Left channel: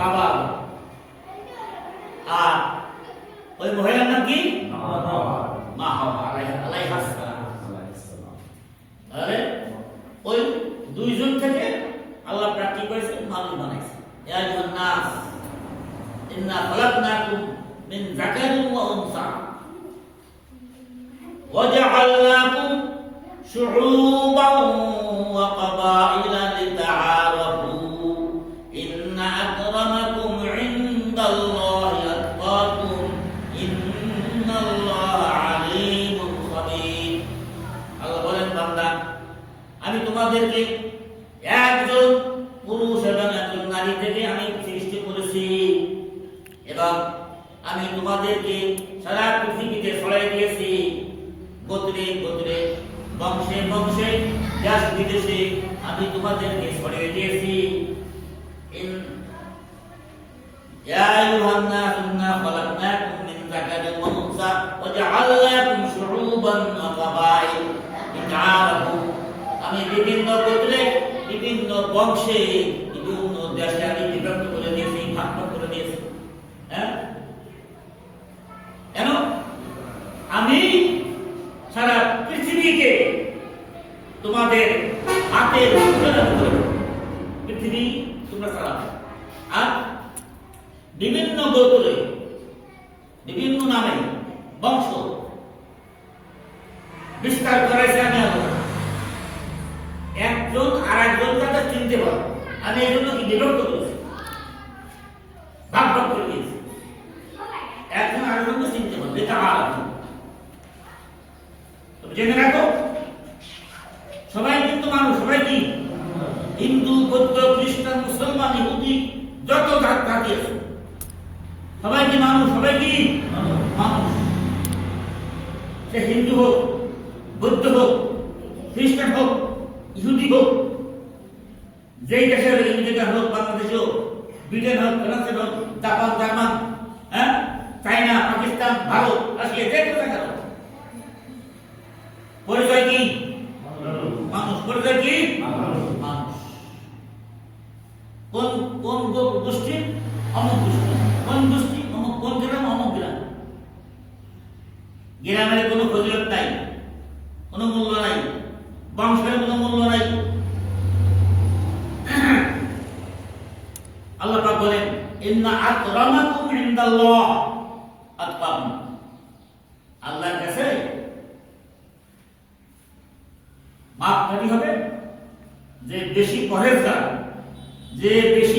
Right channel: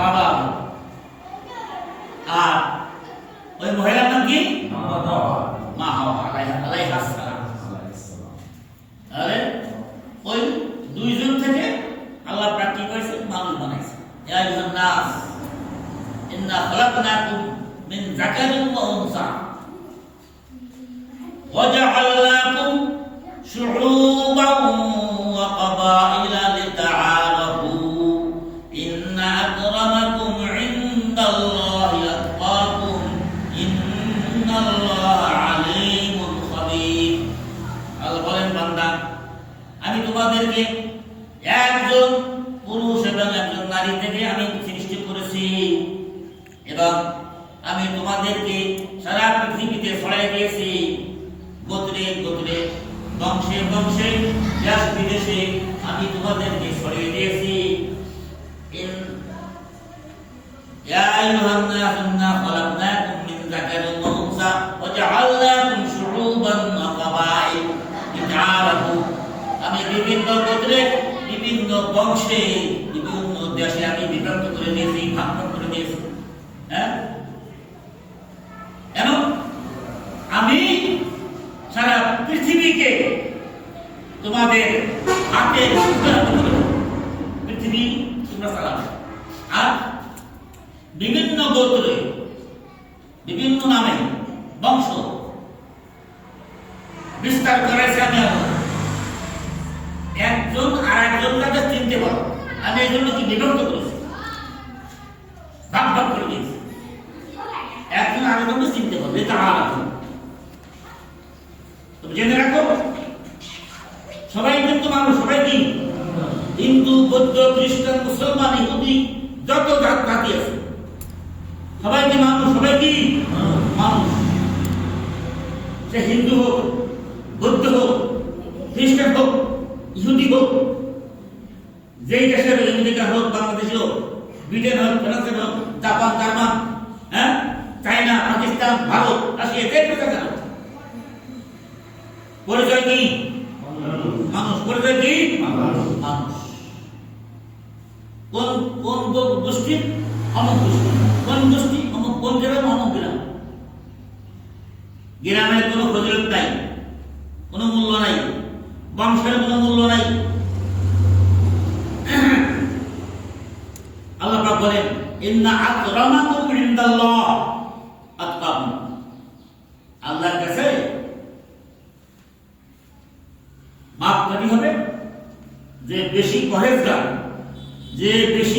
বাবা, আর ওই মহিলার নাম কি? মা হাওয়া আলাইহিস সালাম। তাহলে ওই দুইজন থেকে আল্লাহ প্রাপ্তি করেছে, মানুষ বানাইছে। ইয়া আইয়ুহান নাস ইন্না খালাকনাকুম মিন যাকারিন ওয়া উনসা ওয়া জাআলনাকুম শুউবান ওয়া ক্বাবাইলা লিতাআরাফু ইন্না আকরামাকুম ইনদাল্লাহি আতকাকুম ইন্নাল্লাহা আলীমুন খাবীর। আল্লাহ বলেন, বান্দা, আমি তোমাদেরকে একজন পুরুষ এবং একজন নারী থেকে আমি সৃষ্টি করেছি এবং আমি তোমাদেরকে সারা পৃথিবীতে ছড়াই দিয়েছি, গোত্রে গোত্রে, বংশে বংশে, দেশ বিদেশে আমি তোমাদেরকে ছড়িয়ে দিয়েছি। ইয়া আইয়ুহান নাস ইন্না খালাকনাকুম মিন যাকারিন ওয়া উনসা ওয়া জাআলনাকুম শুউবান ওয়া ক্বাবাইল লিতাআরাফু। আমি বিভিন্ন গোত্রে, বিভিন্ন বংশে, বিভিন্ন দেশে আমি বিভক্ত করে দিয়েছি, ভাগ করে দিয়েছি। হ্যাঁ, কেন? আমি সারা পৃথিবীকে তোমাদের হাতে পৃথিবী তোমরা চালাবে, আর বিভিন্ন গোত্রে, বিভিন্ন নামে বংশ বিস্তার করেছে আমি আল্লাহ। একজন আর একজন তাদের চিনতে পারো, আমি এই জন্য কি বিভক্ত করেছি, ভাগ ভাগ করে দিয়েছি, একজন আর একজনকে চিনতে পারবে। এটা আলাদা, তুমি জেনে রাখো, সবাই কিন্তু মানুষ, সবাই কি? হিন্দু, বৌদ্ধ, খ্রিস্টান, মুসলমান, ইহুদি, যত জাতি আছে সবাই কি মানুষ? সবাই কি মানুষ? সে হিন্দু হোক, বৌদ্ধ হোক, খ্রিস্টান হোক, ইহুদি হোক, যেই দেশের, আমেরিকা হোক, বাংলাদেশ হোক, ব্রিটেন হোক, ফ্রান্স হোক, জাপান, জার্মান, হ্যাঁ, চায়না, পাকিস্তান, ভারত, রাশিয়া, যে কোনো জায়গা হোক, পরিচয় কি? মানুষ। পরিচয় কি? মানুষ। কোন কোন গোষ্ঠী? অমুক গোষ্ঠী। কোন গোষ্ঠী? অমুক। কোন গ্রাম? অমুক গ্রাম। গ্রামের কোনো ফজিলত নাই, কোনো মূল্য নাই, বংশের কোনো মূল্য নাই। আল্লাহ পাক বলেন, ইন্না আকরামাকুম ইনদাল্লাহ আতকাকুম। আল্লাহর কাছে মাপকাঠি হবে যে বেশি পরেজগার, যে বেশি